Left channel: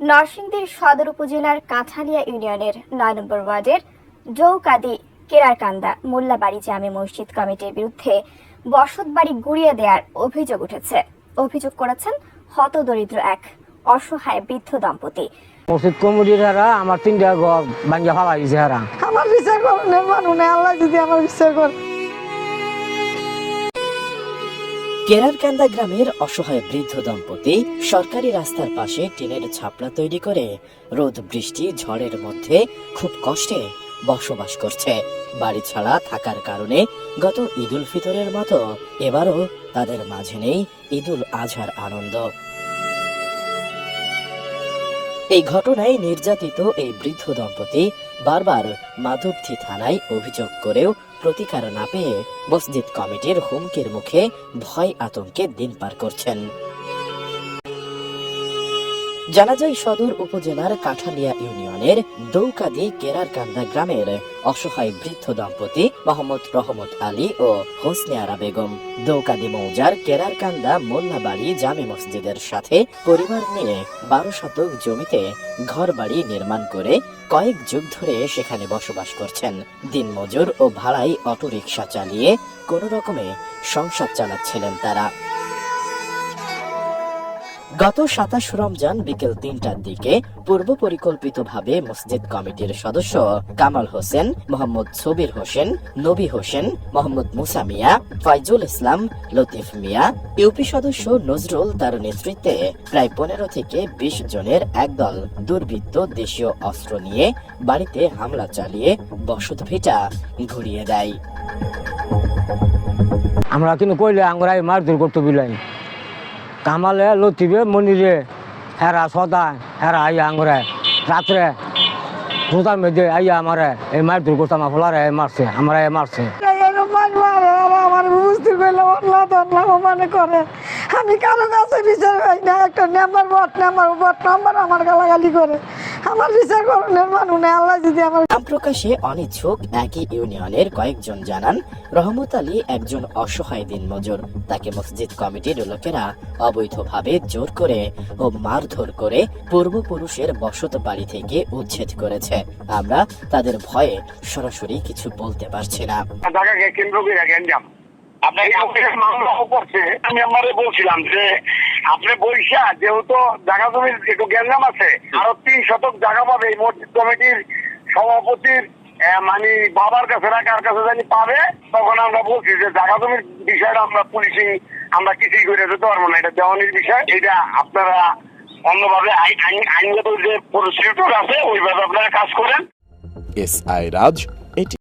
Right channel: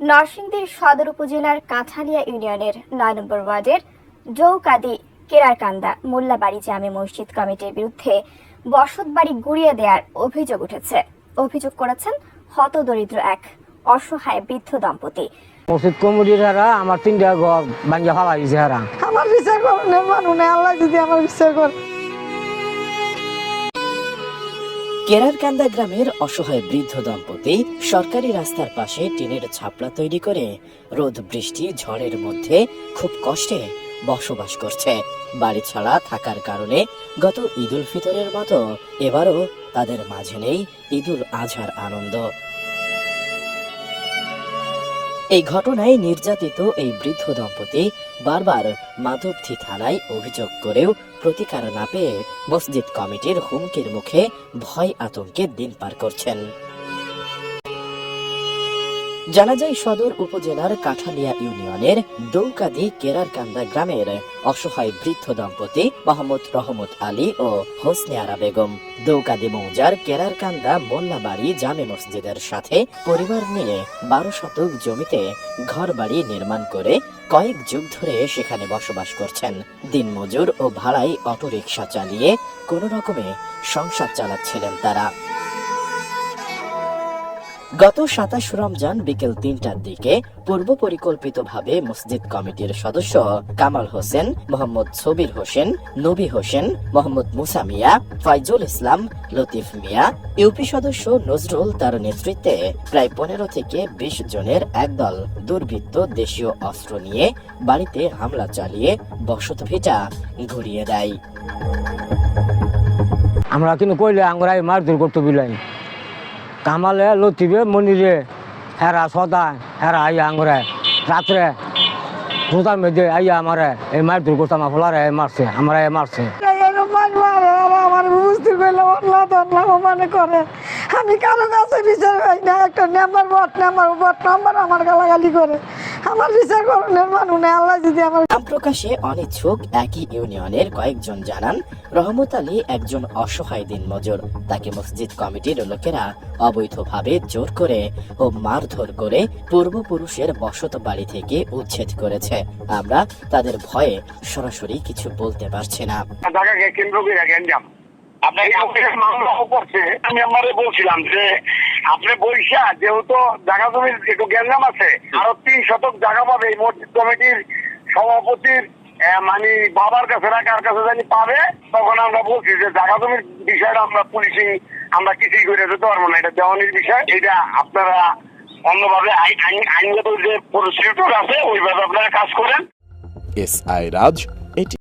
নরসিংদীর সদর উপজেলার কাঁঠালিয়া ইউনিয়নের নয় নম্বর ওয়ার্ডের জৌকাদি কেরারকান্দা মোল্লাবাড়ি জামে মসজিদ কমিটির বিরুদ্ধে বসতবাড়ি গুড়িয়ে দেওয়ার অভিযোগ উঠেছে। অভিযোগ করেছেন হতদরিদ্র এক অসহায় বৃদ্ধ দম্পতি। মসজিদ কমিটির হারা আমার তিনটা ঘর ভাঙ্গা ফালা দিছে হারা। আমার বিচার করুন মানুষ আল্লাহ যদি আমার বিচার করে কেরারকান্দা গ্রামের অসহায় বৃদ্ধ দম্পতি সরকারি রাস্তার পাশে টিনের ছাপলা তৈরি করে রোদ, বৃষ্টি, ঝড়ের মধ্যে খুব কষ্টে বসবাস করছে। বাড়ি ছাড়া থাকার কারণে গত ঈদুল ফিতরের মতো এবারও তাদের মাঝে নেই ঈদুল আজহার আনন্দ। এই ঘটনায় নির্যাতিত এই বৃদ্ধ দম্পতি বারবার মাধবদী থানায় অভিযোগ করেও প্রতিকার না পেয়ে মসজিদ কমিটির হুমকির মুখে ভয় আতঙ্কে দিন পার করছেন। জানা যায় সদর উপজেলার কাঠালিয়া ইউনিয়নের দৌকাদি কেরারকান্দা গ্রামের অসহায় বৃদ্ধ দম্পতি মোহাম্মদ রহমত আলী ও হোসনে আরা বেগম। দৌকাদি মৌজার কেরারকান্দা মোল্লাবাড়ি জামে মসজিদের সাথে পরিবার নিয়ে বারো শতক জমিতে ঘর বাড়ি নির্মাণ করে কয়েক যুগ ধরে সেখানে বসবাস করছেন। দিনমজুর ও ভাড়াই অটোরিকশা চালিয়ে কোনো রকমে সংসার চালাচ্ছিলেন তারা। গত সাতাশ রমজান বিকেল তিনটার দিকে পূর্ব পরিকল্পিতভাবে মসজিদ কমিটির সদস্য কামাল হোসেন, মোহাম্মদ সুবির হোসেন, নবী হোসেন, মোহাম্মদ মুসা মিয়া ফাইজুল ইসলাম, লতিফ মিয়া, ইউপি সদস্য নজরুল তার নেতৃত্বে প্রায় পনেরো থেকে বিশ জনের একদল দুর্বৃত্ত দেশীয় অস্ত্র নিয়ে বাড়িতে হামলা চালিয়ে বসত ভেটা ঘুরিয়ে দেয়। আমরা কিন্তু কইলে আঙ্গুরাই মারধর করতে বিলাই কামালে লতিবে মনিরে, হেরা সদায়, হেরা আইয়া আঙরে, রাত্রে রোজার মধ্যে আইয়া আমারে, এই মায়ের করতে মাফলারে এ মারছে, আমরা এ মারছে। বুঝতে তল্লাহ মানে করে। আমি কারও কাছে বিচার পাই না, একটা নাম্বার বট নাম্বার বট নাম্বার আমার গালাগালি করে। আমার বিচার নেই আল্লাহ যদি আমার নাম প্রকাশে অনিচ্ছুক একই ইউনিয়নের কয়েকজন জানান রহমত আলী একজন অসহায় দিনমজুর। তাকে মসজিদ কমিটির লোকেরা অবৈধভাবে জোর করে ও মারধর করে পূর্বপুরুষের বসত বাড়ি থেকে উচ্ছেদ করেছে। আমরা তাদের ভয়ে সরাসরি কিছু বলতে পারছি না। আপনার মামলা করছে আমি আমারে বলছিলাম যে আপনি বৈশা যেহেতু জায়গা জমির একটু গ্যাঞ্জাম আছে আরও তিন শতক জায়গা পাবে এই মসজিদ কমিটির সভাপতির মানে বাবার কাছে না কার কাছে জানি পাবে তখন আমরা বলছি যে জায়গা জমির বিষয়টা আমরা পুলিশিং আমরা কিছুই করে যেতে পারব না এটা দেওয়ানির বিষয়। এটা আপনারা অন্যভাবে আইন আইন- আইনগত যে প্রসিডিউর আছে ওইভাবে আপনারা কাজ করেন। S I Raj